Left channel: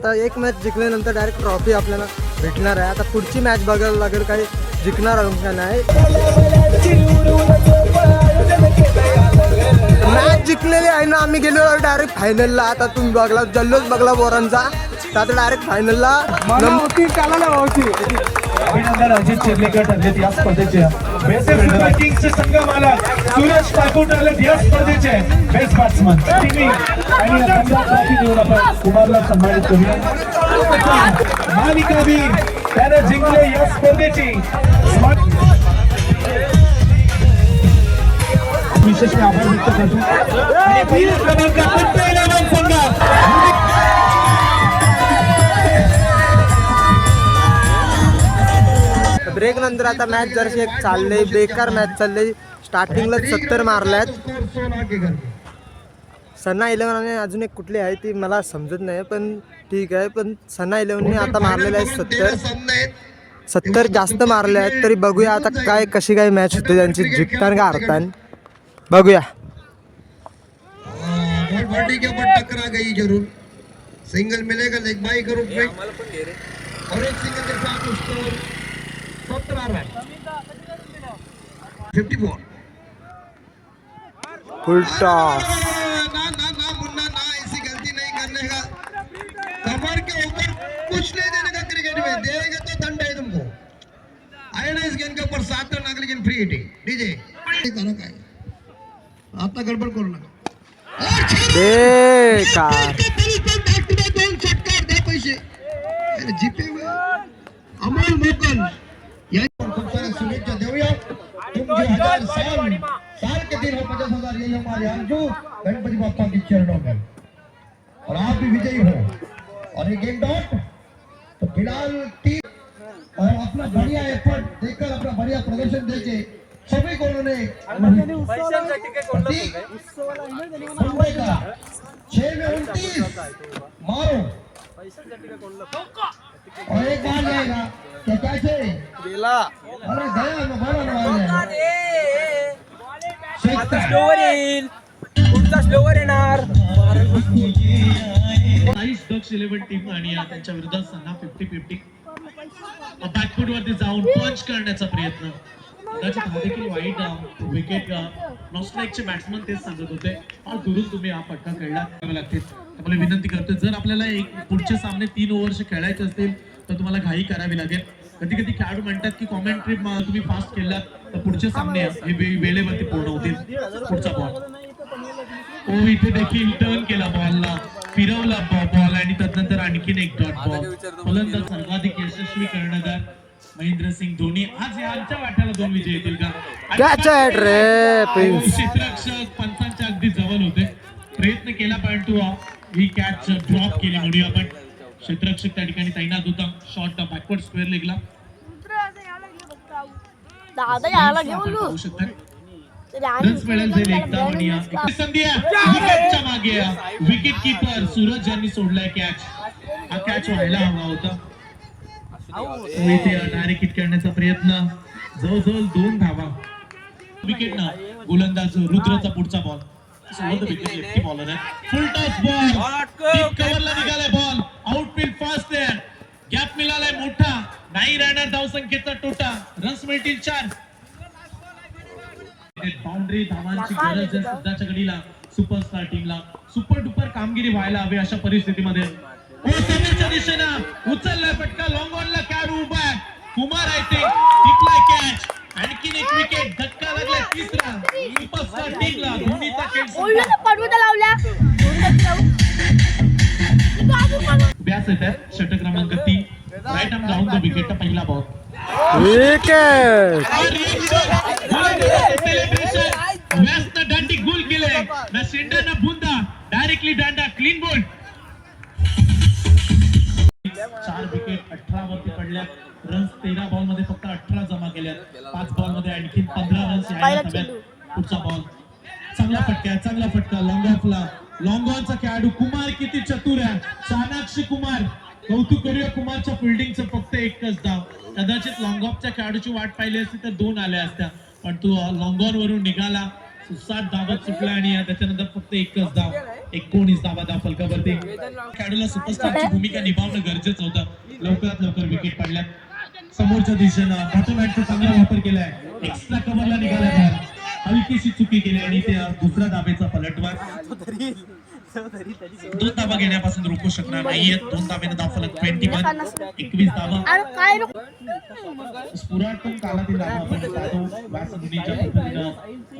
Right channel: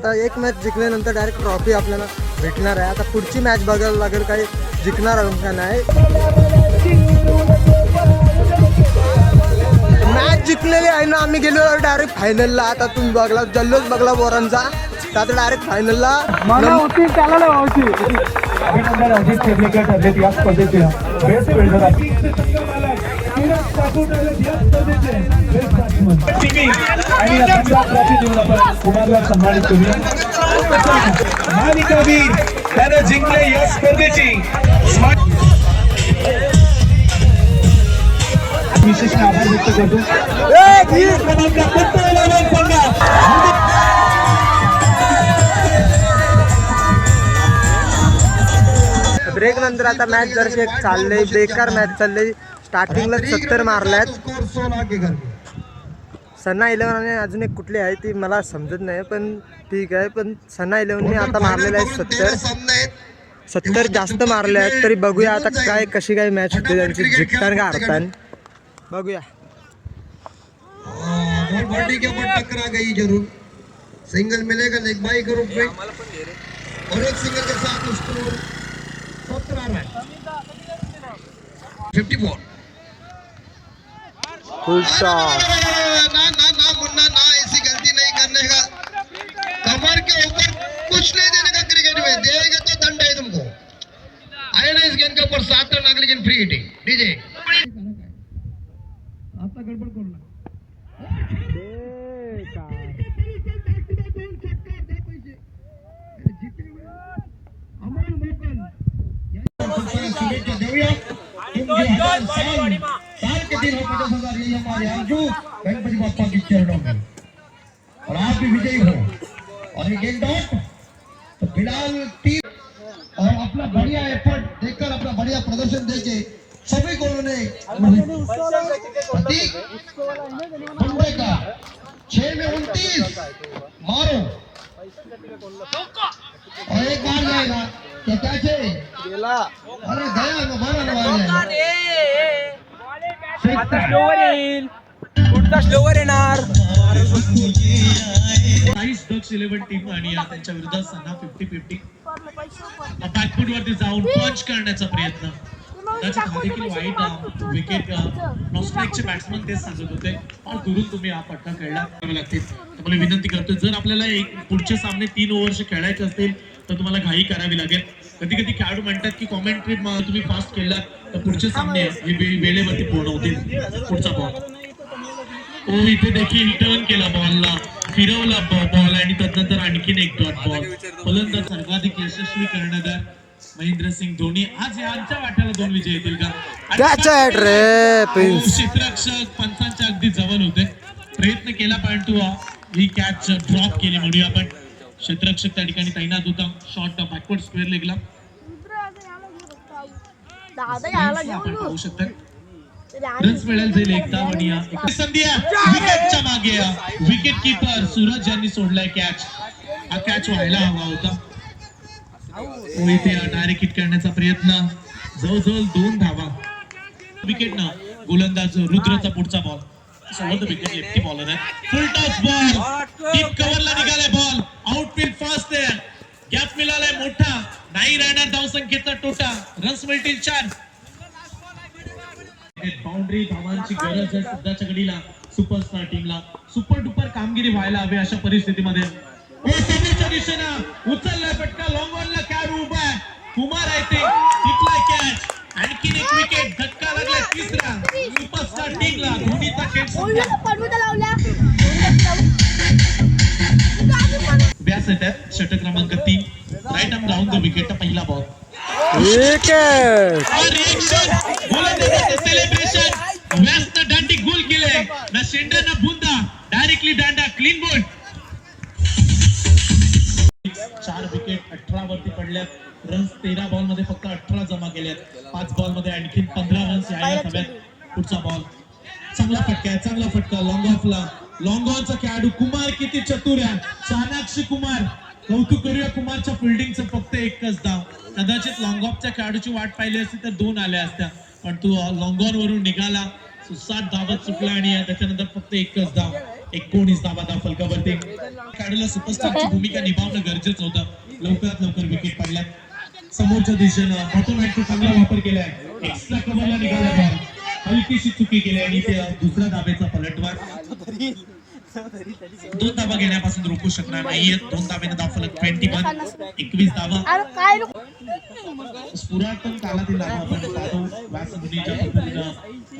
आता एक मॅच जिंकल्यानंतर डायरेक्ट ट्रॉफी आपल्याला भेटणार आहे आता पुढची मॅच बघायला लागेल काही जिंकणार आहोत का नाही मॅच जिंकलेली आहे ना आम्ही गेलो डायरेक्ट फायनलला आता तुम्ही बघला जल्लोष बघला बोरांचा तर आता डायरेक्ट फायनलला अभिनंदन सूरज ठाकूर ठरलेत या स्पर्धेचे. बेस्ट बॅट्समन आणि रतनला ट्रॉफी देऊन आपण कुमारला सन्मानित करूया मालिका वीर त्यानं जिंकले या स्पर्धेची. स्मार्ट विशेष आभार व्यक्त करतो. क्रमांक संघ. ब्रेक नंतर आता मॅच जरशी एक चाललंय बेकार मॅच चाललंय. स्टार्टिंगला सत्तर मारल्यात. सन्ना इलेव्हन आणि अजून एक कुठली आहे ती मला समजत नाही पण ठीक आहे. पण सन्ना इलेव्हनने आता मारलेलं आहे सत्तर. सत्तर जास्त मारले आहेत तरी बघूया आता काय कशी काय मॅच होते त्यांची जिंकताना का हरतान? बघूया. सिंगल मिलेगा लेग बाई के रूप में. और एक सिंगल के साथ स्कोर सत्रह run. Fifty ball full toss ना ना ना मुन्ना ना ऐसी गलती नहीं करने का। कमर के ऊपर कुछ नहीं देने का क्रिकेट में। देंगे तो दंड है तुमको। आए ना इस गेंद के ऊपर सात रन अगले गेंद फ्री हिटिंग डीजे आता गडबड करू नका पैसे। अमोल मोकल यांच्या शुभेच्छा देऊया तुम जो हज़ार दिन हो पचास हज़ार यही हमारे आरज़ू गणपति बापा की चरणों में और आप भी विजयी हो और एक एक डॉट तो फ़िलहाल तीन और अपना बढ़िया एफर्ट देखकर अपना बढ़िया प्रदर्शन देके सभी को उन्होंने प्रतीक मुंबई का छह में उनतीस मारो और एक बार जाएगा क्या क्या अरे। गया ना मारा ना मार गया काहीच डक्स इलेव्हन टीम आणि या त्यांच्या विरोधात फिफ्टी फिफ्टी बॅकफूट वरती जाऊन पंच करण्याचा प्रयत्न. कदाचित हा देखील वाईट विकेट नॉस्ट्राईकचे बॅट्समन तेच सांगत होते. फार दुरून तुम्ही हा पट्टा खेळला. लागतील. विनंती करतो जर आपल्याला एक पुढचे सामने तीन ओव्हरचे खेळायचे असतील तर तुम्हाला घाई करावी लागेल. कधी कधी खेळाडू म्हणतात की कॉमेंट्री तुम्ही फास्ट केलात तर पुढचे सामने हे वेळेवरती पूर्ण होतील. पुढचा बॉल तो इथे देखील टर्न केला बॉलला फिरवला बॉल आणि त्यानंतर आणखीन एक डॉट बॉल फलंदाज सर्वाधिक यशस्वी कर्णधार महेंद्र सिंग धोनी. आज यांच्या वाट्याला दोन विजय येतील का. हो, क्षेत्ररक्षक पंचांच्या अगदी जवळ होते. प्रयत्न केला परंतु ही कॅच ड्रॉप केली म्हणूया आपण. क्षेत्ररक्षक त्या ठिकाणी तैनात होता. शॉर्ट बॅकवर्ड स्क्वेअर लेगला. पाहू शकता. येऊ. रन्स मिळेल जाईल एकदा आणि संधी. विकेटच्या मागे विकेट किपर सूरज यांनी सोडलाय कॅच हा कॅच व्हायला हवा होता. तो इथे डायरेक्ट हिट करण्याचा प्रयत्न. जवळजवळ दोन धावा. विकेट ना गोलंदाज रुद्रचा पुढचा बॉल समोर विकेट लेफ्टी बॉलर आहे. फुल टॉस बॉल कव्हरला निघालाय बॉल आउटफील्ड फर्स्ट आहे गॅप मिळालाय मोठा. नाही राहणार धावसंख्येचा तोटा. रन्स मिळतील चार. बाउंड्री धावांची गरज आहे सध्याच्या घडीला. सुपरस्टार टीमला सुपर डुपर कामगिरी व्हायला हवी अशा परिस्थितीमध्ये. ओ, समोरच्या दिशेनं. उचललाय फटका. लॉंग ऑनला कॅर उभा आहे. कुमार आहे ते. टिपलाय कॅच आणखीन एक विकेट धक्का लागला तिसरा. सुपरस्टार टीमला धोनीचा खेळ लावल्या. येत आहेत षटक क्रमांक तीन. Right arm round the wicket पहिला बॉल सेलिब्रेशन व्यासनं दांडी गोल केलंय. ना शेंडा ना बुंदा. डायरेक्टली दांडा क्लीन बोल्ड चार विकेट अठरा वरती पडल्यात. रन्स तेरा बॉलमध्ये फक्त अठरा जमा केल्यात. पाच बॉलमध्ये आणखीन पंधरा रन्स यायला हव्यात. पुढचा बॉल चांगला फटका चांगला फटका. लॉंग ऑफला लॉंग ऑनचा खेळाडू कुमार किती चतुर आहे? चाणाक्षी कुमार कौतुक करूया कुमारच्या फिल्डिंगचं फक्त एकच धाव. कदाचित लॉंग ऑफच्या खेळाडूची वाट पाहिली असती तर दोन आल्या असत्या. पण तू लॉंग ऑन वरून निघाला सात धावत सुटला आणि त्याच्यानंतर फक्त एकच धाव. एकोणीस धावा धाव फलकावरती खेळाडूला सुपरस्टारची भूमिका निभावणं गरजेचं होतं. लवकरात लवकर विकेट पडल्या समोरच्या दिशेनं ऑटोमॅटिक चांगला वापर केलाय. एक्स्ट्रा कव्हरला निघाला. हलकीशी चुकी केली आणि ते दुसऱ्या धाब्याचा पलटवार दोन धावा घेण्यापासून रोखू शकणार नाहीये दोन धाब्याने धाव फलक ट्वेंटी वन एकवीस धावा अरे काय नको पुरातन काळातील लाभ आपण पाहतो. व्यासमुनीच्या पद्धतीनं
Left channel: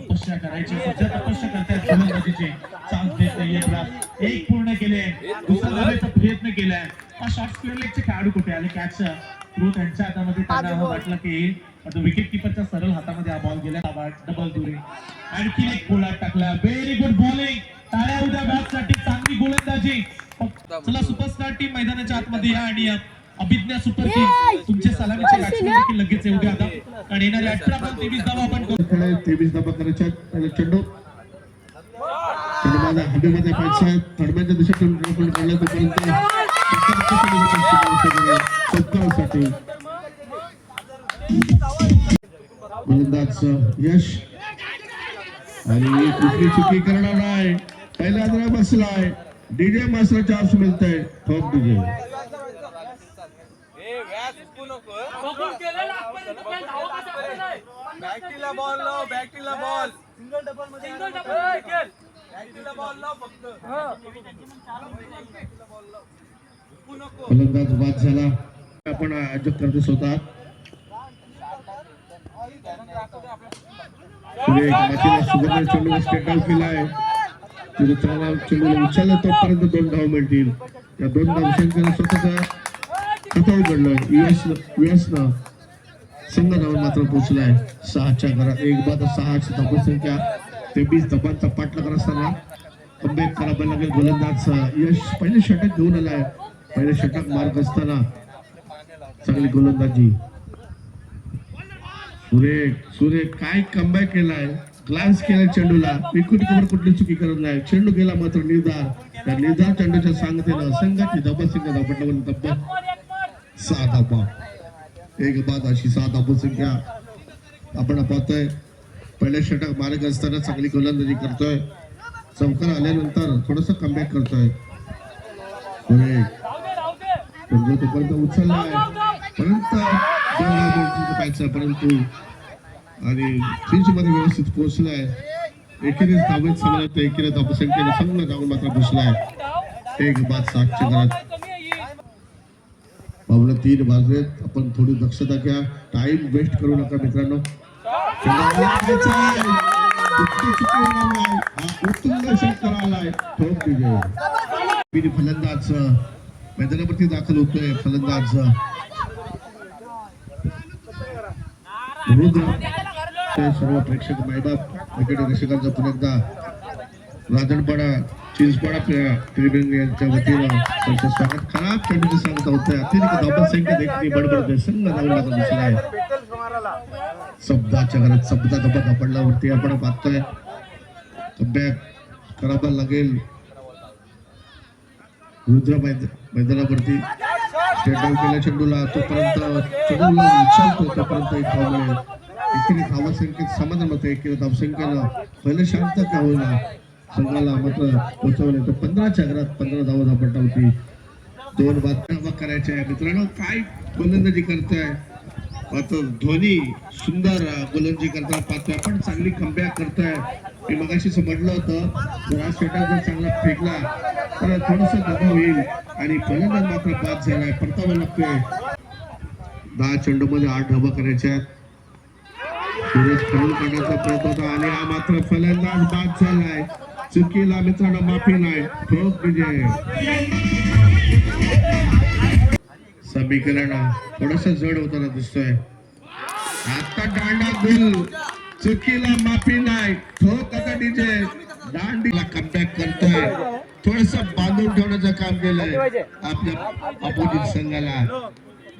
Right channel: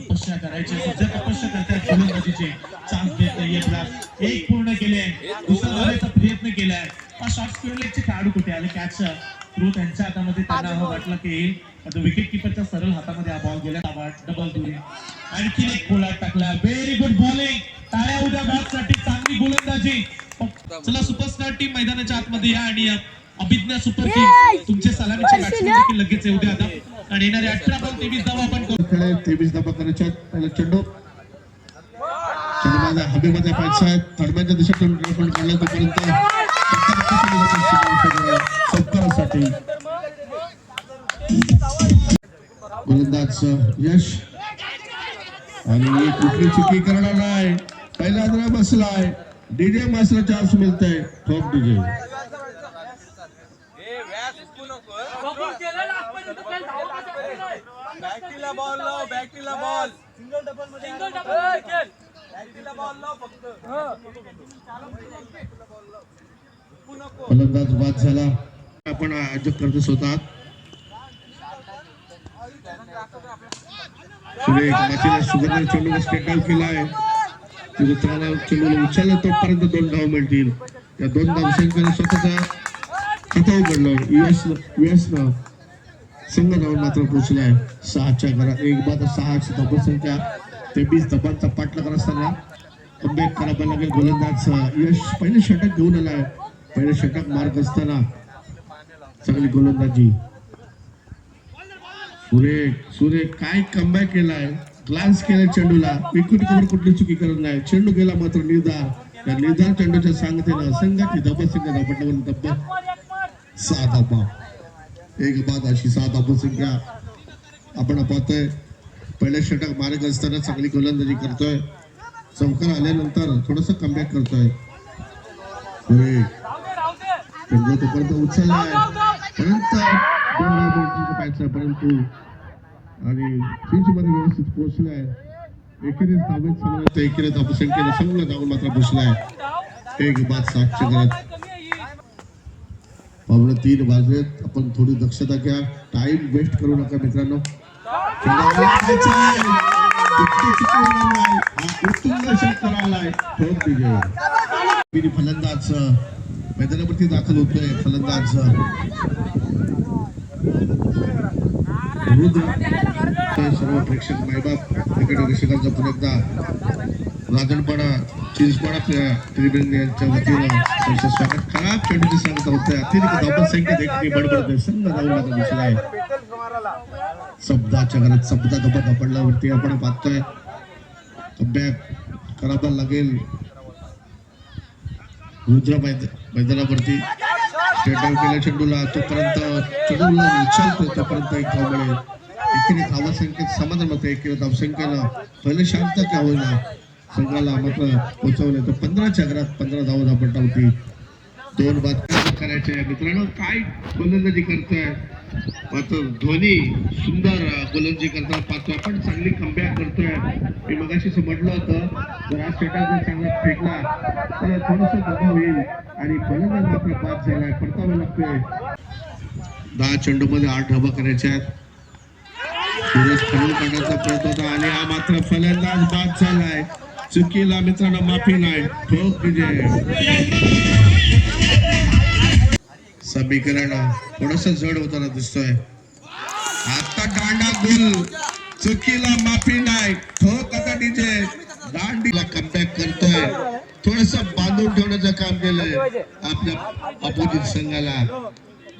तपस्या करायची. सध्या तपस्या करतात गोलंदाजीचे चान्स देत नाहीये एक पूर्ण केले. दुसरा धावायचा प्रयत्न केलाय. हा शॉर्ट स्क्वेअर लेगचे खेळाडू कुठे आले? कॅच थ्रू त्यांच्या हातामध्ये त्यांना हा वाटलं की येईल पण विकेट किपरच्या सरळ हातामध्ये हा बॉल गेला. डबल दुरी आणखीन एक गोळा टाकला. व्हेरी गुड बॉलिंग टाळ्या उद्या बॅटसाठी चांगली गोलंदाजी. चला सुपरस्टार टीम मैदानाच्या आतमध्ये या आणि अभिज्ञा सुपर किंग्स तुमचे सलामीचे बॅट्समन देखील लगेच येऊ द्या आता. कारण येणारे अठरा बॉल तेवीस धावा आपण करू. खेळ तेवीस धाबा करायच्या. पहिला चेंडू. चेंडू पाहिजे दिशेतून ड्रायव्हर काढला तोपर्यंत. सत्कारासाठी गोलंदाज यश. आणि कुठली चुकी करणार नाही. पहिला जरा बसलाय. डीजे मास्टर चान्स मिळतंय. ठोक डीजे बॅटीला बॉल लाव बॅटीला बॉल सिंगल डबलमध्ये बॅटीला बॉल लाव फक्त. फलंदाज बाद झाला. आपण आयोजक करतो स्वतः. सुरेख मातीला सुगंध चेंडू स्टेट डाऊन केला आहे. तिथे चांगला चेंडूला उचलला तोपर्यंत दोन धाव मिळतील. या दोन धाव संख्येनं स्वतःचा कथा उघडलं. यश यशनं संघ धावून मात्र पोहोचलाय सहाच्या घरात एक बाद सहाची धावसंख्या तेवीस धाबांचा पाठलाग असताना कमबॅक करावा लागेल गोलंदाज. यश पहिले षटक घेऊन आलाय. पहिले षटक मार्ग असताना चांगली गोलंदाजी. सुरेख सुरेख काय कमबॅक केलाय? ग्लान्स केलाय चेंडूला. विकुट कवर कुठली चुकी करत नाही. चेंडू गेला मात्र निर्धार. त्या निर्धार चेंडूच्या सांगतेनं संघाची धाबसंख्या धापटल्यावर तब्बल सहा धाबा एक बाद अशी सहा धाबसंख्या आपण पाहतोय. पहिले षटक मार्ग असताना चांगली गोलंदाजी करतोय. चौकार आल्यानंतर थोडस कमबॅक करतोय. सुरेख. तोपर्यंत उचललाय. परंतु दोन धाव पाहायचा परंतु आणि फिंच मध्ये व्यवस्थित पोहोचलाय. एकेरीच धावेत समानत एकेरी धावसंख्येनं संघ धावून मात्र बसलाय एक बाद सातशे घरात. पावलं तीन वाजलेत. आपण थोडी दक्षता घ्या. टाइम वेस्ट करू नका मित्रांनो. फलंदाज मैदानावरती दाखल होतोय फलंदाज. ते सर्व प्रेक्षक मैदान क्रिकेट रसिकांचा पुन्हा एकदा राजनपाडा चिंचपाडा ट्रिब्युन यांच्या वतीनं त्यांचं स्वागत. खराब चेंडूची सांगत आहे अतिरिक्त धावपण संख्या देखील बडबडतोय संघ धावून आता आहे. शब्दाच्या घरात शब्दा धबा धपडल्यावरती आपण पाहतोय. अभ्यास करावा लागेल. रुद्र मैद मैदानावरती स्टेटआउट केला चेंडूला तोपर्यंत चेंडूला उचलतोय तोपर्यंत एक धाव मिळेल. एकेरी धावसंख्येत समाधान होतं एकेरी धावसंख्येनं पहिले शांत का होईना? संघाला मात्र पोचवले तर पंधराच्या घरात पंधरा धावा धापटा होती दोन बातम्या करायच्या मित्रांनो काय गोलंदाजी करताय? मात्र धोनी सुंदर गोलंदाजी करताना पाहतोय. आपण चांगली कमबॅक करतोय. मी मगाशी समजलं होतं जर आज फेटा जर चांगला फेकला तर थोडस दबाव येईल आणि फलंदाज मात्र बाद झालाय. परतावा लागतोय. दहा चेंडू मध्ये आठ धाबा करायच्या आहेत. सुरेश खडून काढण्याचा प्रयत्न होता आणि हा मात्र फलंदाज बाद झालाय. चुकीला मित्रांनो माफी नाही. ठोक विजय. समीकरण थोडस जड होताना दिसतोय. आता दांडा गुल चुकीला माफी नाही ठोक आता डीजे दांडीला कमबॅक करतोय. थोडस बांधून ठेवण्याचं काम केलंय आपल्या अपोजिट संघाला.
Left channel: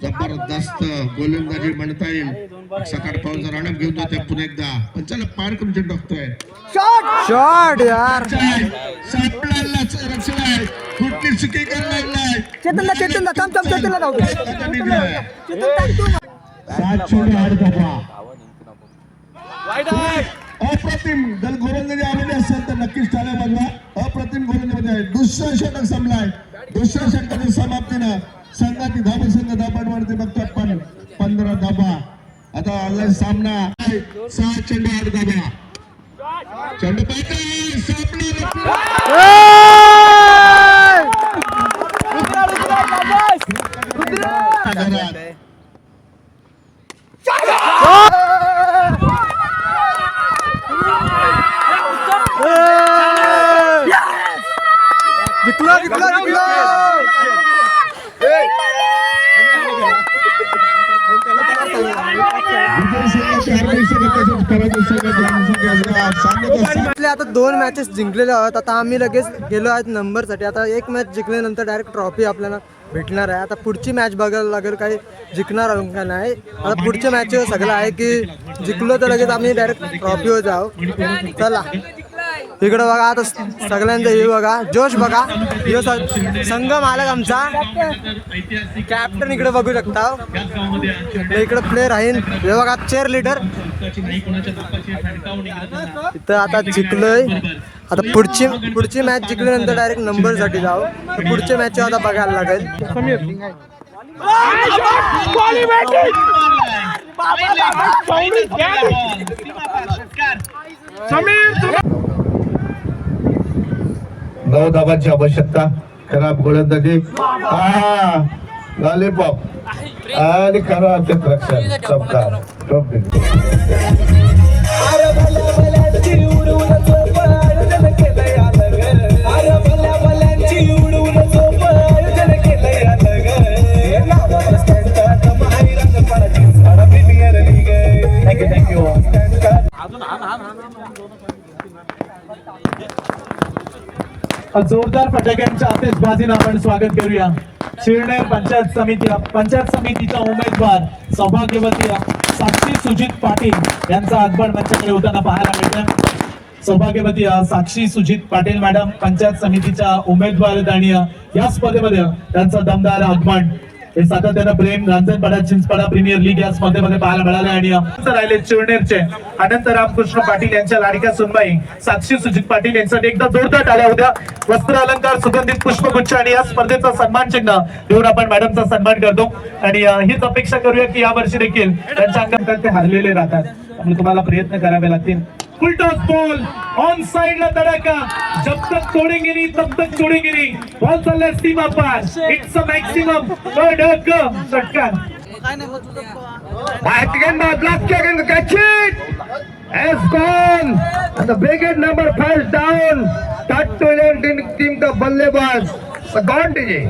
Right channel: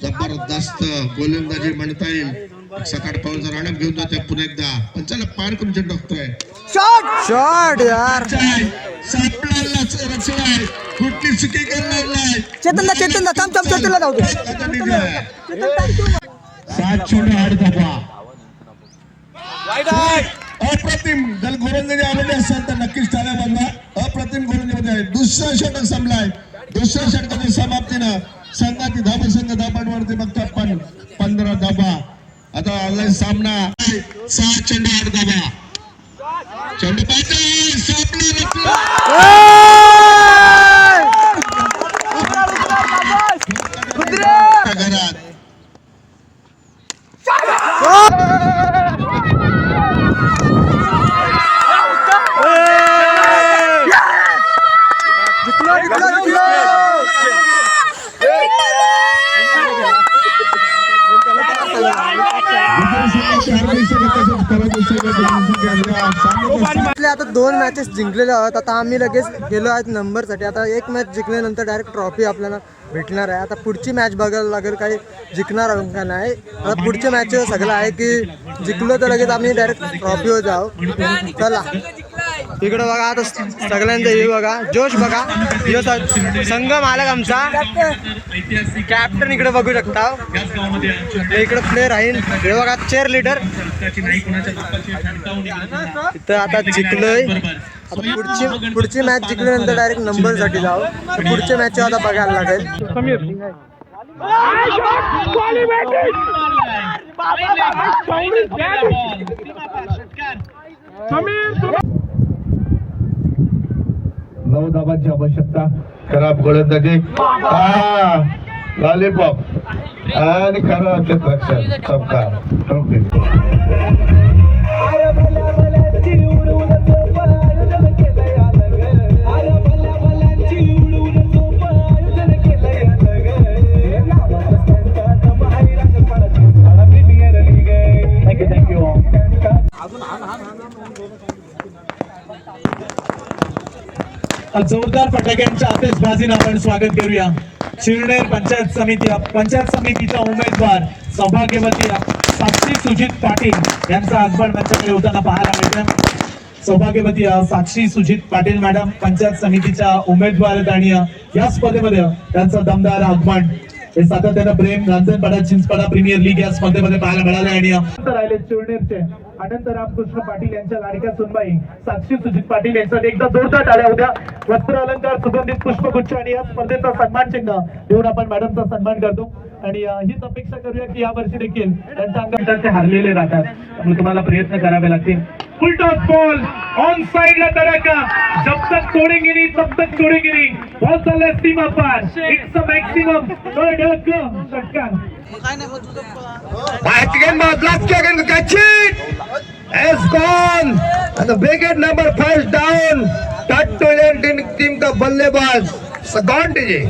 जबरदस्त गोलंदाजी म्हणता येईल. सकाळ पाऊन जर राणा घेऊन जातोय पुन्हा एकदा. पण चला पार करून चेंडू टाकतोय. शॉट यार. कुठली चुकी करणार नाही चेतन चेतन थम थम चेतनला जाऊ दे. सात चेंडू आठ धाबा अप्रतिम जर गोलंदाजी आवडली असेल तर नक्कीच टाळ्या वाजवा अप्रतिम गोलंदाजी आहे. दुसरं षटक संपलाय. दुसऱ्या षटकाच्या समाप्तीनं संघाची धाबा संघ धापांवरती बघतात पण पंधरा धाबा आता ऑनलाईन सामना सहा चेंडू आठ धाबा चेंडू पाहते घरात जिंकलो जिंकलो जिंकलो आपले आता दोन मॅचेस जिंकलेले आहोत. आता आम्ही लगेच गेलो आहेत नंबरसाठी. आता एक मॅच जिंकल्यानंतर डायरेक्ट ट्रॉफी आपल्याला भेटणार आहे. आता पुढची मॅच बघायला लागेल काही जिंकणार आहोत का नाही. आता पुढच्या मॅच सगळं आहे की जिंकलो तर लगेच आम्ही डायरेक्ट ट्रॉफीवर जाऊ. चला. इकडं बघा आता सगळ्यांचा हे बघा जोश बघा. संघ मालक आमचा. कॅप्टन इकडे बघू शकता. इकडे प्लेअर आहे. हे बघा चेअर लिडर इथं आता जिंकलोय. आता पुढची पुढची मॅच जिंकल्यानंतर डायरेक्ट नंबरसाठी जाऊ. तर पुढच्या मॅच आता बघायला लागेल. समीर. धाबांची आवश्यकता. खराब गोलंदाजी. हा लॉलीपॉप आणि खराब क्षेत्ररक्षण चमकार जोरदार फटाक्यांच्या आतिषबाजीनं आपण स्वागत करूया. शिरनेर पंचायत समिती पंचायत समितीच्या उमेदवार सौभाग्यवती साक्षी सुजित पाटील यांचं आगमन मंचाकडे होताना पाहायला मिळतं सौभाग्यवती साक्षी सुजित पाटील मॅडम पंचायत समितीच्या उमेदवार आणि या स्पर्धेमध्ये त्यांचं दमदार आगमन हे सातत्यानं प्रेम रांजणपाडा चिंचपाडा प्रीमियर लीग या स्पर्धेमध्ये पाहायला मिळाले आणि राहिले चिवणेरचे अनंत रामकृष्ण पाटील यांच्या लाडक्या सुनबाई साक्षी सुजित पाटील यांसाठी एकदा जोरदार आल्या होत्या. वस्त्र अलंकार सुगंधित पुष्पगुच्छ आणि या स्पर्धेचा सन्मान चिन्ह देऊन आपण मॅडमचा सन्मान करतो. आणि हीच अपेक्षा करूया की या वर्षी देखील त्यांच्या अंकात ते हरलेले राहतात. तुम्हाला प्रयत्न करावे लागतील. Full toss ball. ऑन साइडला धड़का. जब तक छोड़ेंगे नहीं तब तक छोड़ेंगे नहीं. बॉल चल चाललाय सीमा पार. इट्स अ मॅक्सिमम धडक षटकार. Back again, now let's get in the catch it. Has gone. And the wicket number five down. That to Indian team का बल्लेबाज. गॉन टीजे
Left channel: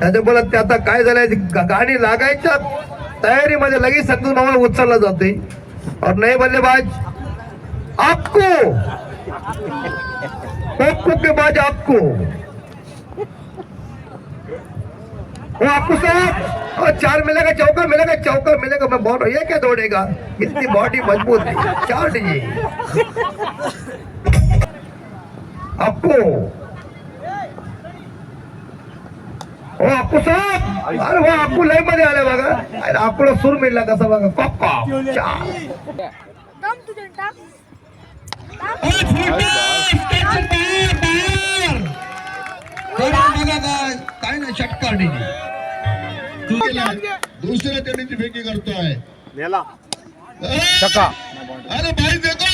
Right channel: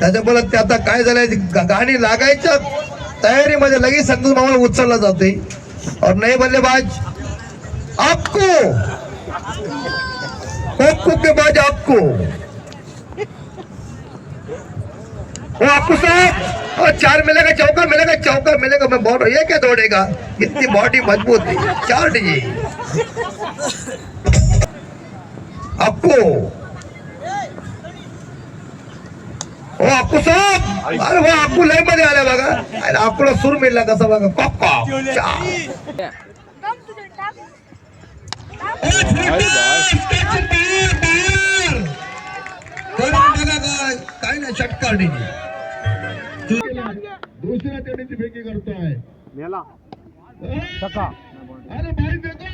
त्याच्या बोलत ते आता काय झालंय? ती गा- गाणी लागायच्या तयारीमध्ये लगेच संतोष मामाला उचललं जाते और नए बल्लेबाज आपको। आपको के बाद आपको। वो आपको साहब और चार मिलेगा, चौका मिलेगा चौका मिलेगा। मैं बोल रहा ये क्या दौड़ेगा? इतनी बॉडी मज़बूत। है चार डीजे। आपको। ओ आपको साहब अरे वो आपको लयमध्ये आलाय बघा. अरे आपल्याला सूर मिळला कसा बघा. पप्पा! चार करून बघा काय काय नाही षटकार दुसऱ्या टेडीची फेकी करतोय. अरे भाई देखो.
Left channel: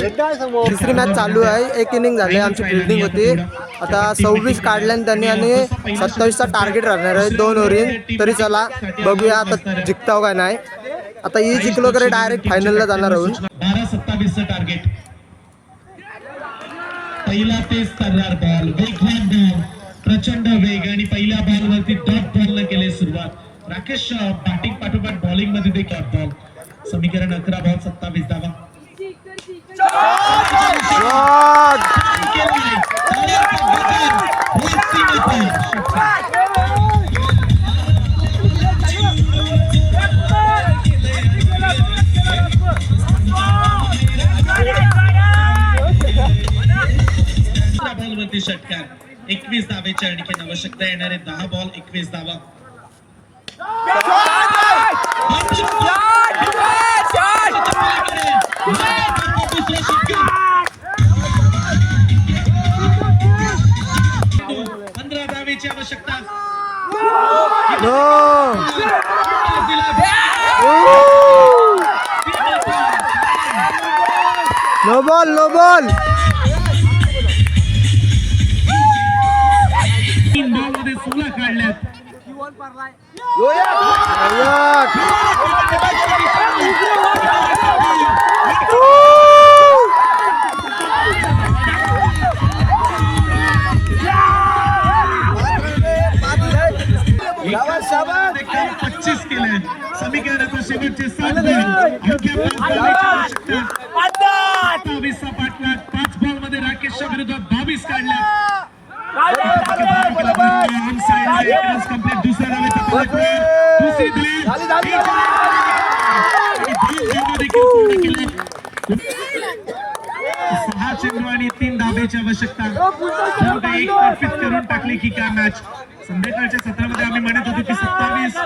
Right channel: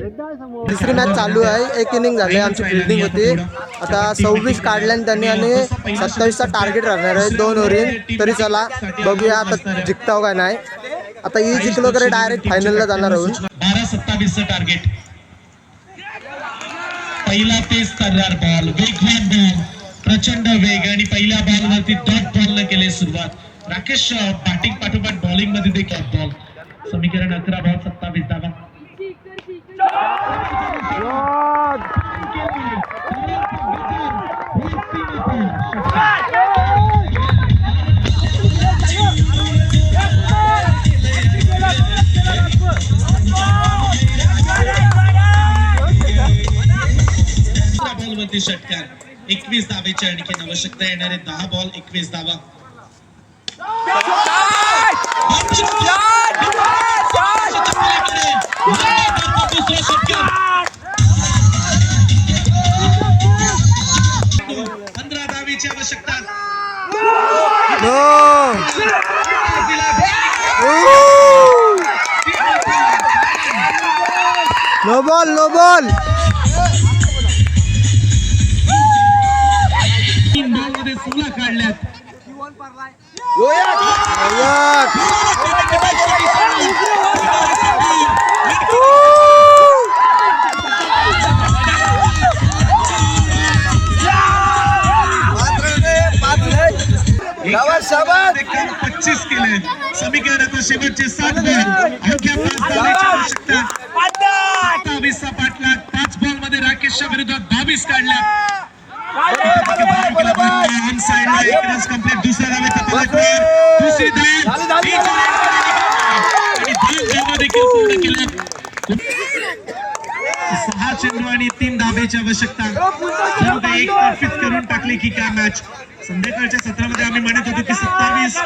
तिसरी मॅच चालू आहे. एक इनिंग झाली आमची फिल्डिंग होती. आता सव्वीस काढल्याने त्यांनी आणि सत्तावीसचा टार्गेट राहणार आहे. दोन ओव्हरीन तरी चला बघूया आता जिंकताव हो काय नाही. आता ही जिंकलो तरी डायरेक्ट फायनलला जाणार आहोत. बारा सत्तावीसचं टार्गेट पहिला तेच तर्रार बॉल वेगवान बॉल प्रचंड वेग आणि पहिल्या बॉल वरती डॉट बॉल न केले सुरुवात. राकेश बॅटिंग पाठोपाठ बॉलिंगमध्ये देखील बॉल समीकरण अकरा बॉल सत्तावीस धावा षटकार. एकवीस धावेची आणखी आवश्यकता येणारे दहा बॉल एकवीस धावा दुसरा षटकार पंधरा धावेची आवश्यकता नो बॉल नो बॉल तीन बॉलमध्ये सोळा काढल्यात पच्चीस केले समीकरण आता शेवटचे सात बॉल अवघ्या पाच धावेची आवश्यकता सत्तावीसचा पाठलाग पाच बॉलमध्ये राकेशच्या विरोधात बावीस काढल्यात ऑन साइडला एक रन। कंप्लीट दुसऱ्या धावेचा फलकवर दुसरी धाव बीच लाईनमध्ये निघाली. आणि दोन धावा देखील पूर्ण केल्यात सहा चेंडू आणि तीन धाब्याची आवश्यकता। जर एक तर्फीच करून टाकली की काय मॅच संध्याकाळच्या सत्रामध्ये आम्ही म्हणत होतो की सत्तावीस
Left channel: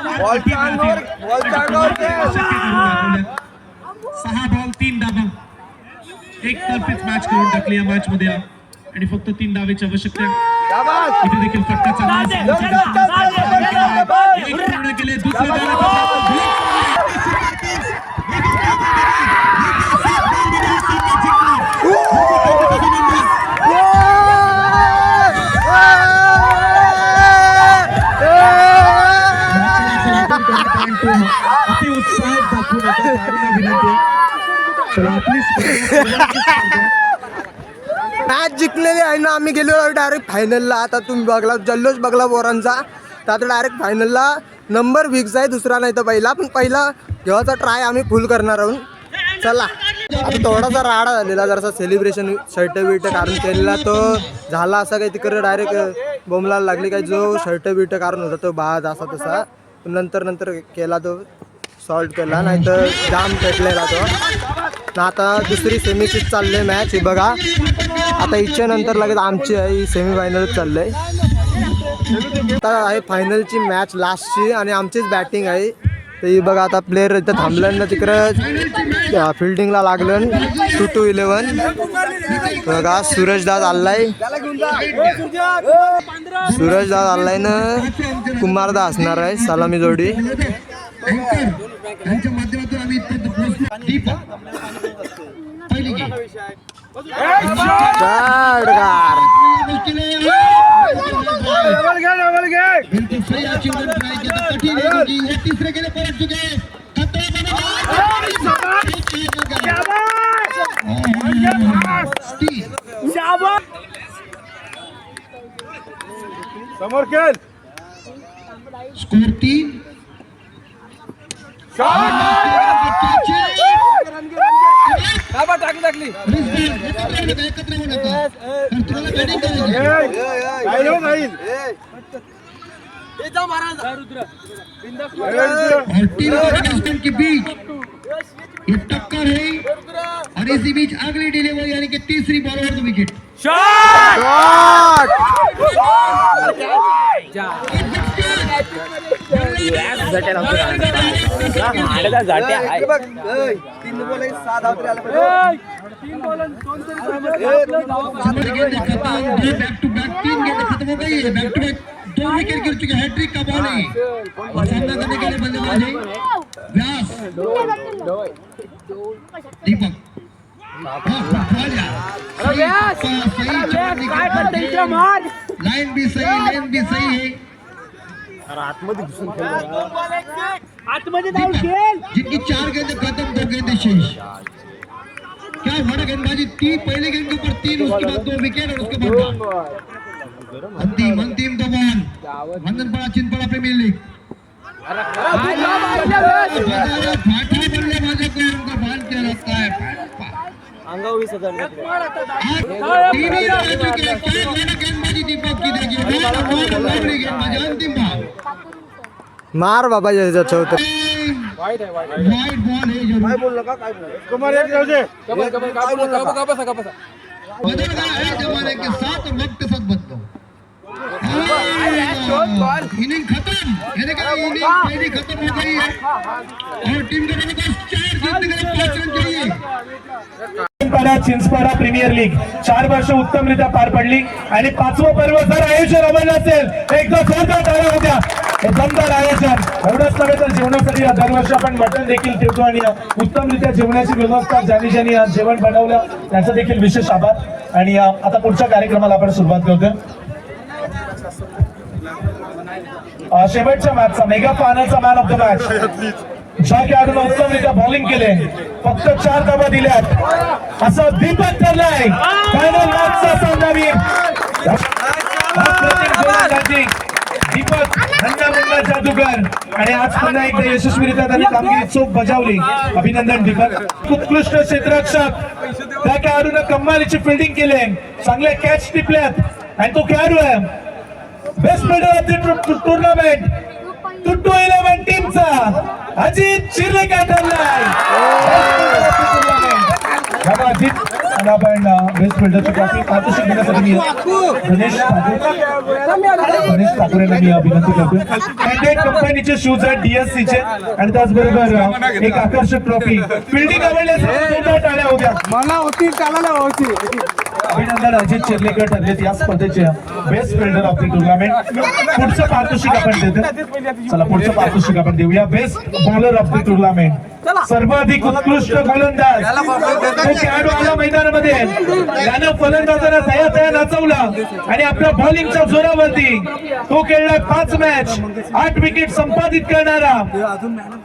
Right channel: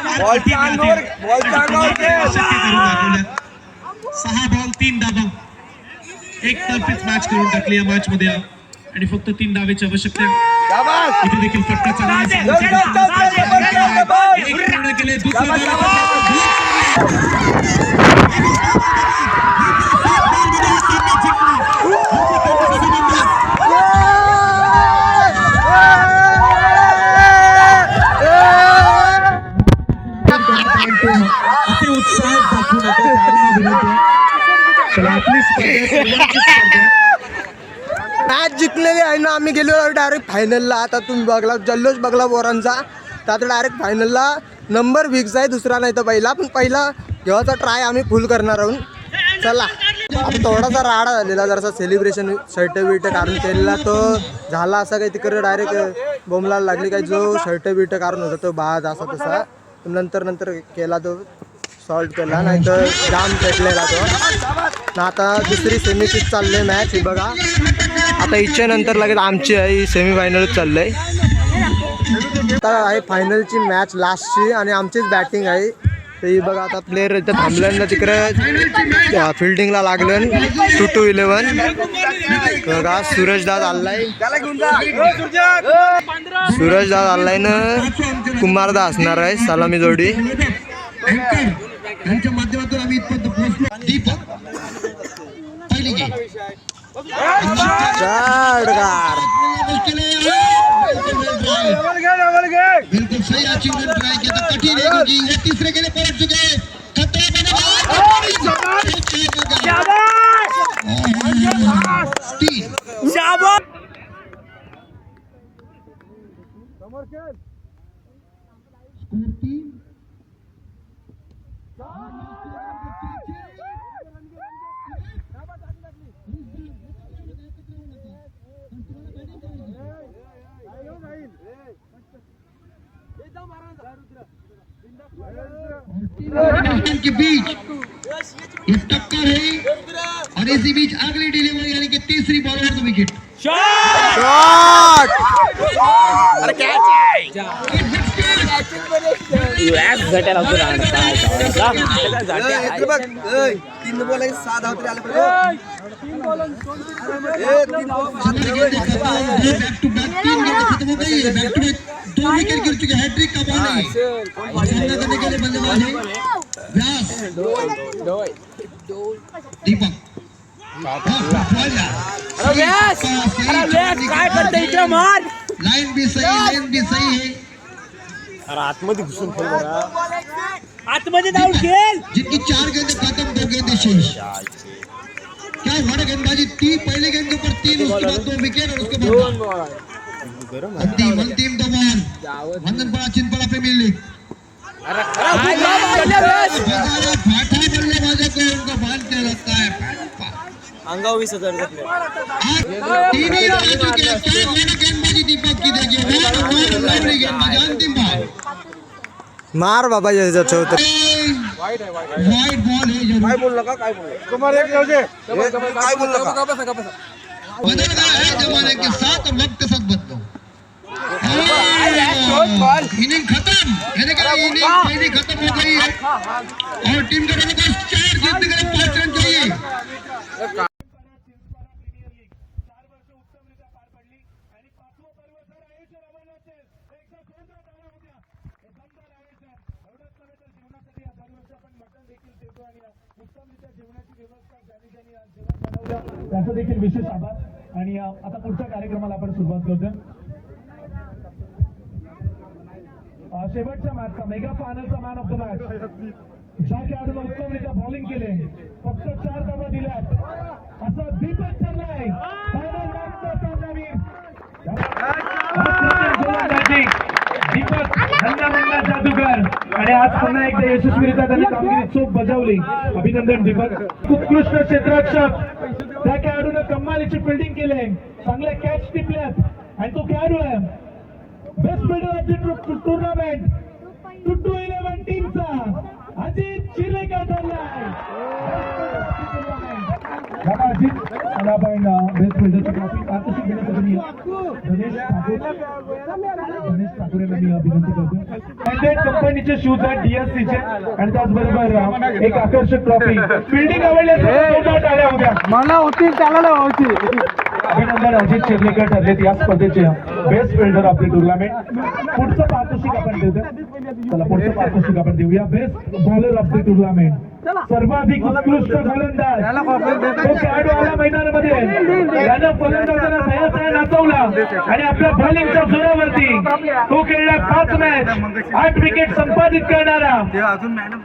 सहा बॉल तीन धाबा एक तर्फीच मॅच करून टाकली या मॅच मध्ये. आणि फक्त तीन धावेची आवश्यकता. इथे देखील फटका चांगला एक पूर्ण केले दुसरी मॅच जिंकलेली आहे ना आम्ही गेलो डायरेक्ट फायनलला आता तुम्ही बघला जल्लोष बघला बोरांचा तर आता डायरेक्ट फायनलला नंबर विक्स आहे दुसरा नाही तर पहिला. पण पहिला घेवाचा ट्राय आम्ही फुल करणार आहोत. चला. आता थोडासा राडा झालेला जरासा सेलिब्रेशन शर्ट बिर्ट काढून केलेला तो झाला असा काही तिकडे डायरेक्ट बोंबलाला लागली काही जो शर्ट बिर्ट काढून होता तो बाज असा तसा. नंतर नंतर केला तो. सॉल्ट केला नाही तर जाम पेटलेला तो. ना आता दुसरी सेमीचीच चालली आहे मॅच ही बघा. आता इच्छेनंतर लगेच आमची आहे ही चाललं आहे आता आहे फायनलची मॅच लास्टची आणि आमचीच बॅटिंग आहे. तर ही बघा आता प्लेअर इथं थांबलं ना तिकडं. फिल्डिंगला लागलं टू टू इलेवन बघा सूरजदास आलाय सूरजदास आलाय ना. कुमारदा असणार आहे सलामी जोडी. यांच्या माध्यमातून आम्ही इथपर्यंत पोहोचलो. दीपक पहिली गेम बिल्कुल सही अचीवमेंट ट्राई किया था कठिन है क्योंकि वो तीसरे के लिए पहुँच चुके हैं खतरा बनेगा स्कोर तीन. एकत्र के बीच एक टक्कर है और इसी बीच अगली डिलीवरी यानी कि तीसरी बॉल और the wicket shot back to back तीन गेंद खत्म हो गई है बैक टू बैक दो विकेट गिर चुके हैट्रिक का बॉल है और सामना करने के लिए बल्लेबाज है व्यास दीपक बॉल यार सही सही जवाब निकला लाइन भी सही लाइन भी सही है आतमध्ये जाऊन खेळ जिनकी चार गेंद खत्म दो गेंद शेष क्या ना गेंदबाजी तीन पहले गेंद के ऊपर तीन उसके बाद दो विकेट और उसके बाद अंतिम अंतिम दो बॉल वंदन पड़ा चिन पड़ा प्रीमियर लीग बजाया फाटा अंगावर वीस हजार आज तीन ही रन आ चुके हैं क्या हुआ ना गेंदबाजी दीपक की देखिए वन वन लवली गेंदबाजी अंतिम बॉल मार बाबा याचा चौथर वाइट बॉल? है जरूर बदल गया है जमाने के साथ और वक्त के साथ बदलो इनिंग खत्म। यानी कि इनिंग पहली खत्म का मौका ही। है और टीम के जबरदस्त चार जीतने के लिए पांच run Chinchpada Chinchpada premier league. चार वर्ष उत्तमरित्या पार पडली. आणि पाचवं पर्व जर आयोजन अमल असेल तर एकदा जोरदार टाळ्या होत्या. दमदार आयोजन. एवढंच नव्हे तर जेवणासाठी दरवर्षी आपण मटण देखील ठेवतो आणि उत्तमरित्या जेवणाची व्यवस्था ज्यांनी ज्यांनी जेवण बनवलं त्याचं देखील विशेष आभार. आणि आता पुढच्या कार्यक्रमाला आपण सुरुवात करतोय. शेवटच्या मॅचचा मेगा फायनलचा मॅन ऑफ द मॅच ज्या खेळाडूला उत्तमरित्या बॉलिंग केले. फक्त चार धावा दिल्यात. असं दीपक ठरलाय. फायनल मॅचचा सामनावीर अप्रतिम दीपक हंगामुंगा जादूगर आणि आज पुन्हा एकदा यशस्वीरित्या त्यांनी कामगिरी चोख बजावली. अभिनंदन दीपक. उत्कृष्ट क्षेत्ररक्षक. त्या खेळाडून कमालीची फिल्डिंग केली. चांगले कॅच टिपल्यात आणि तो खेळाडू आहे best player of the tournament two two eleven टीमचा अजित शिर्लेकर ठरलाय अजित आणि आपण बेस्ट फिल्डरची ट्रॉफी पारितोषिक देण्यासाठी मी गणेश ठाकूर गणेश ठाकूर यांना मी विनंती करतो कॅन्डेट कंपनीचे शूज आहेत DSC चे. आणि त्याचबरोबर एक आकर्षक ट्रॉफी फिल्डिंग आवडल्यास टाळ्या होत्या मला होती चालायला होती. अभिनंदन अजित चिर्लेकर ठरलेत या स्पर्धेचे best fielder of the tournament पुढचं पारितोषिक आपण देतो चला पुढचं पारितोषिक आपण देऊया. Best bowler of the tournament सर्वाधिक उत्कृष्ट गोलंदाज तो खेळाडू आला मैदानामध्ये. त्यानं फलंदाजांना तया तया नाचवला आणि आपल्या बॉलिंगच्या जोरावरती तो खेळला पाच मॅच आठ विकेट संपादित करणारा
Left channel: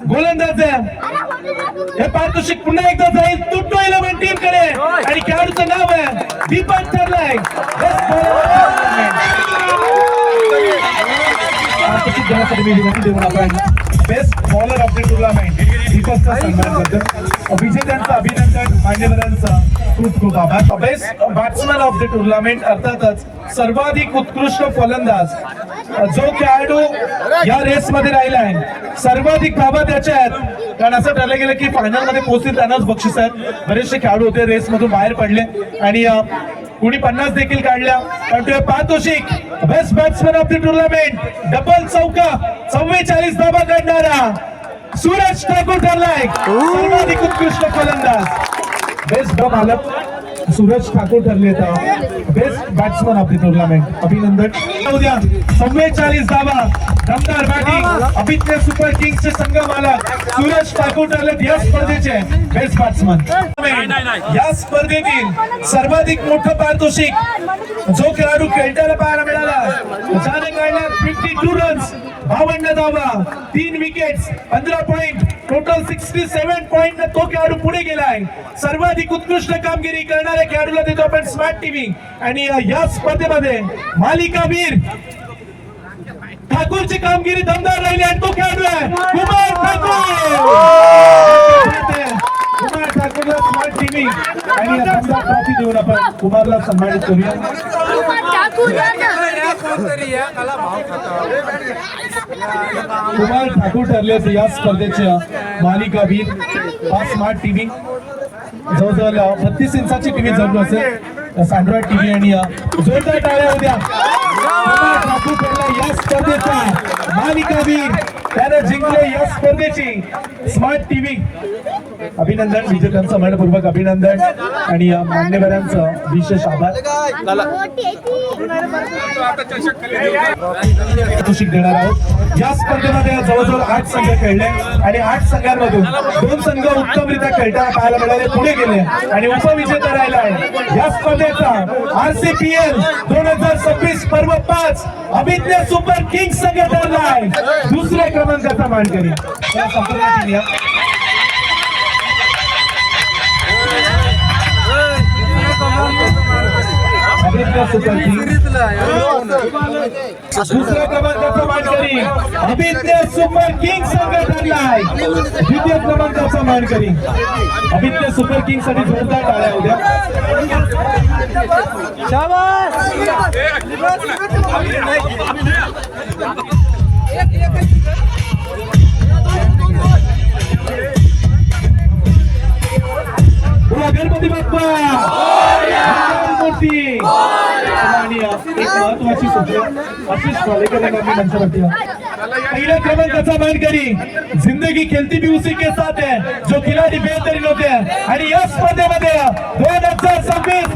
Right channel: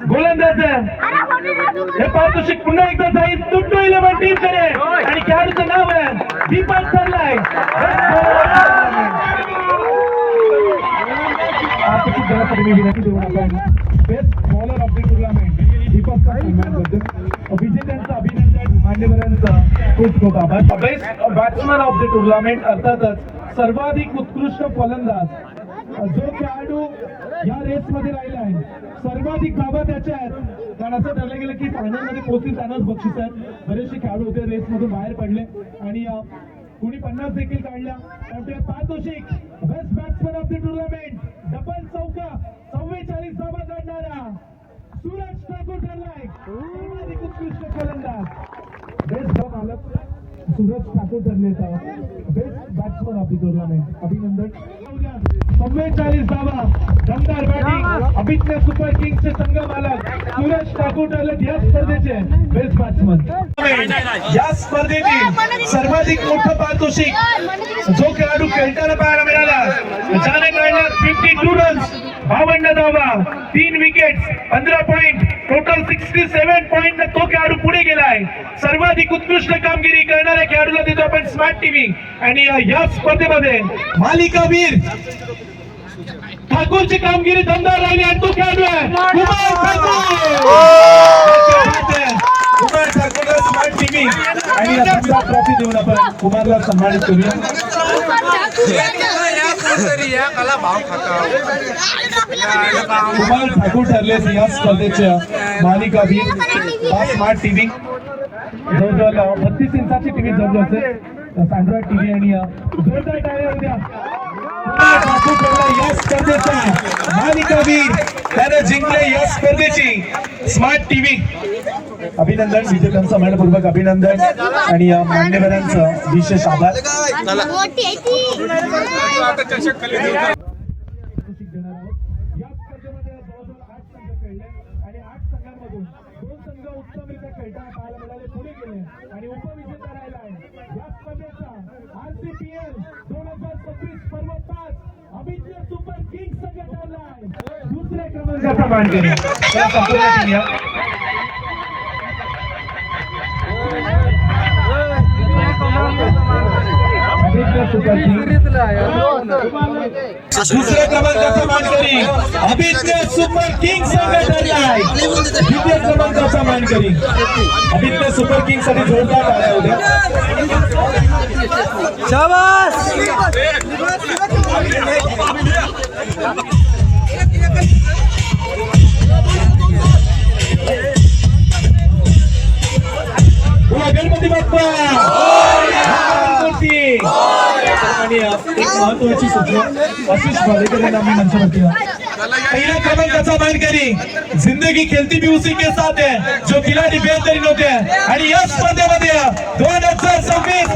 गोलंदाज आहे. हे पारितोषिक पुन्हा एकदा जाईल. तुटतो इलेव्हन टीमकडे. आणि खेळाडूचं नाव आहे Deepak ठरलाय best bowler of the tournament दीपकचा सन्मान विजेत्यांचं अभिनंदन मान्यवरांचं खूप खूप आभार. Best batsman of the tournament अर्थातच सर्वाधिक उत्कृष्ट फलंदाज जो खेळाडू या रेस मध्ये आहे. सर्वाधिक धावा त्याच्या आहेत. कारण असं ठरलं गेलं की फायनलमध्ये पोहोचतील त्यांनाच बक्षीस आहेत. बरेचसे खेळाडू होते रेस मधून बाहेर पडले. आणि कुणी पन्नास देखील काढल्या. पण तो पातोशिक best batsman of the tournament double चौका चव्वेचाळीस धावा काढणारा सूरज ठाकूर ठरलाय. सर्वाधिक उत्कृष्ट फलंदाज. बेस्ट ड्रॉप मालक सूरज ठाकूर ठरले best batsman of the tournament अभिनंदन. उद्या चव्वेचाळीस धावा. दमदार बॅटिंग अभिज्ञ सुपर किंग्सचे संघ मालक सूरज ठाकूर ठरले या स्पर्धेचे. बेस्ट बॅट्समन या स्पर्धेतील सर्वाधिक मोठं पारितोषिक. जो खेळाडू खेळताना पाहायला मिळाला. फिफ्टी टू रन्स बावन्न धावा तीन विकेट्स पंधरा point total sixty seven point तो खेळाडू पुढे गेलाय. सर्वाधिक उत्कृष्ट कामगिरी करणाऱ्या खेळाडूला देतो आपण स्मार्ट टीव्ही आणि या स्पर्धेमध्ये मालिका वीर ठाकूरची कामगिरी दमदार राहिली आणि तो खेळाडू आहे कुमार ठाकूर. कुमार ठाकूरला स्मार्ट टीव्ही आणि या दमदार ट्रॉफी देऊन आपण कुमारला सन्मानित करूया. कुमार ठाकूर ठरले आहेत या स्पर्धेच्या मालिका वीर स्मार्ट टीव्ही जवळजवळ बत्तीस इंचाची टीव्ही जवळ असेल. अँड्रॉइड टीव्ही आणि जोरदार टाळ्या होत्या कुमार ठाकूर ठरला या स्पर्धेचा मालिका वीर त्यानं जिंकले या स्पर्धेची स्मार्ट टीव्ही अभिनंदन विजेत्यांचं मनपूर्वक अभिनंदन आणि या मान्यवरांचं विशेष आभार. देणार आहोत. या स्पर्धेमध्ये जवळजवळ आठ संघ खेळले आणि आठ संघांमधून दोन संघ उत्तमरित्या खेळताना पाहायला मिळाले पुढे गेले आणि उपविजेता राहिला आहे. या स्पर्धेचा आरसीपीएल दोन हजार सव्वीस पर्व पाच अभिज्ञ सुपर किंग्स संघ ठरला आहे. दुसऱ्या क्रमांकाचा मानकरी. या संपूर्ण दुसऱ्या क्रमांकाचा मानकरी. अभिज्ञ सुपर किंग संघ ठरलाय द्वितीय क्रमांकाचा मानकरी. अभिज्ञ सुपर किंगसाठी जोरदार गणपती आशिष पालेकर यांना मी पहिल्या क्रमांकाचा मानकरी. जिंदगी खेळती भी उसी के साथ है जो खिलाडी बेहतरीन होते आणि या स्पर्धेमध्ये दोन हजार सव्वीस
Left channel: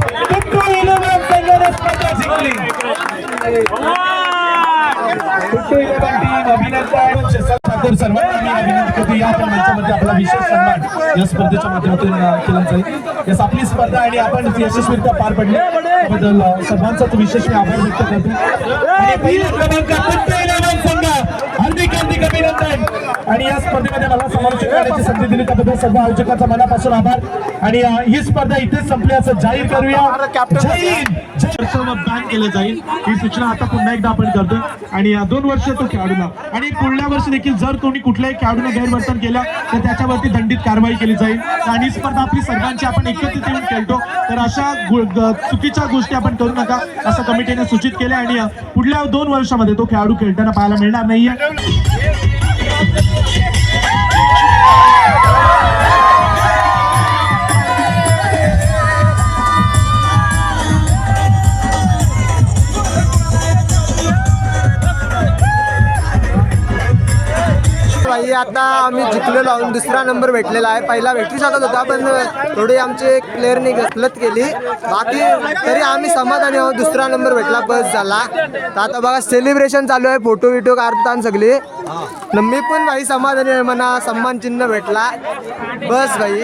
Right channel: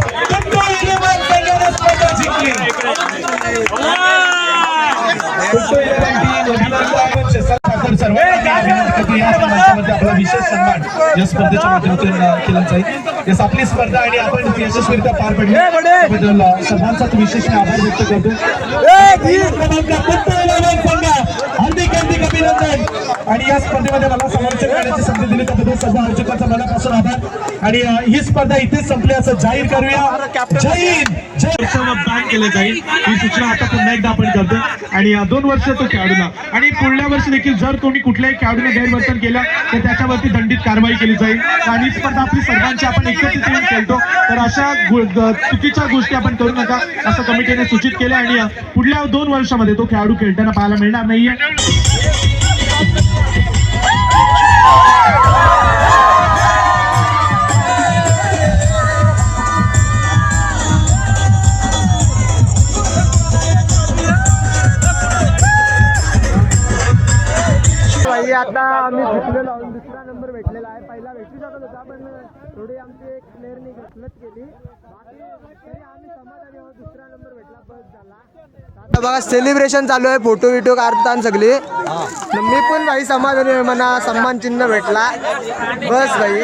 संघाने स्पर्धा जिंकली. या स्पर्धेच्या माध्यमातून केला जाईल यस आपली स्पर्धा आणि आपण यशस्वीरित्या पार पडली. त्याबद्दल अ, सर्वांचा विशेष आभार व्यक्त करतो. हार्दिक हार्दिक अभिनंदन. आणि या स्पर्धेमध्ये मला समालोचन करण्याची संधी दिली. त्याबद्दल सर्व आयोजकांचा मनापासून आभार. आणि ही स्पर्धा इथेच संपली. असं जाहीर करूया. जय हिंद. बॅन केलं जाईल. ही सूचना आता पुन्हा एकदा आपण करतो आणि दोन वर्ष तो खेळाडूला. आणि पुढल्या वर्षी देखील जर कोणी कुठल्याही खेळाडूने गैरवर्तन केलं तर त्याच्यावरती दंडित कारवाई केली जाईल. आणि स्पर्धा आपली सर्वांची आपण एकत्रित येऊन खेळतो. तर अशा चुकीच्या गोष्टी आपण करू नका असं कमिटीने सूचित केलं. आणि पुढल्या दोन वर्षामध्ये तो खेळाडू खेळताना पाहायला मिळणार नाहीये. आता आम्ही जिंकलेलो आहोत. दुसरा नंबर भेटलेला आहे. पहिला भेटू शकत होता पण थोडी आमचे प्लेअरने गसलत केली. बाकी तरी आम्ही समाधानी आहोत. दुसरा नंबर भेटला बस झाला. तर आता बघा सेलिब्रेशन चालू आहे. फोटो विटो काढतात सगळी. मी पण भाई समाधानी आहे म्हणा. सन्मान चिन्ह भेटला. बस भाई.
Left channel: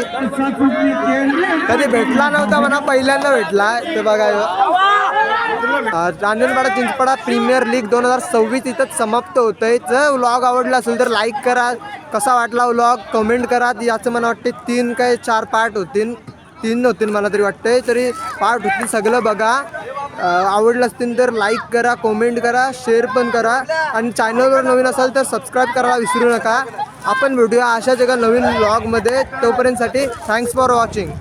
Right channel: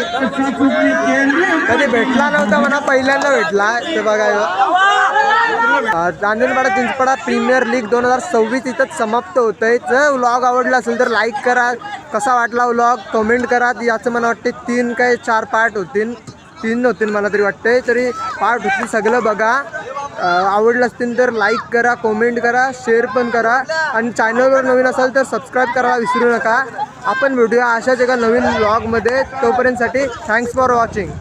कधी भेटला नव्हता म्हणा पहिल्यांदा भेटला. ते बघा ह्यो. अ, चिंचपाडा प्रीमियर लीग दोन हजार सव्वीस इथंच समाप्त होत आहे जर व्लॉग आवडला असेल तर लाईक करा. कसा वाटला व्लॉग? कमेंट करा. याचं मला वाटते तीन काय चार पार्ट होतील. तीन होतील मला तरी वाटते तरी पार्ट होतील सगळं बघा. आवडलं असतील तर लाईक करा कमेंट करा शेअर पण करा. आणि चॅनलवर नवीन असाल तर सबस्क्राईब करायला विसरू नका. आपण भेटूया अशाच एका नवीन ब्लॉगमध्ये तोपर्यंतसाठी थँक्स फॉर वॉचिंग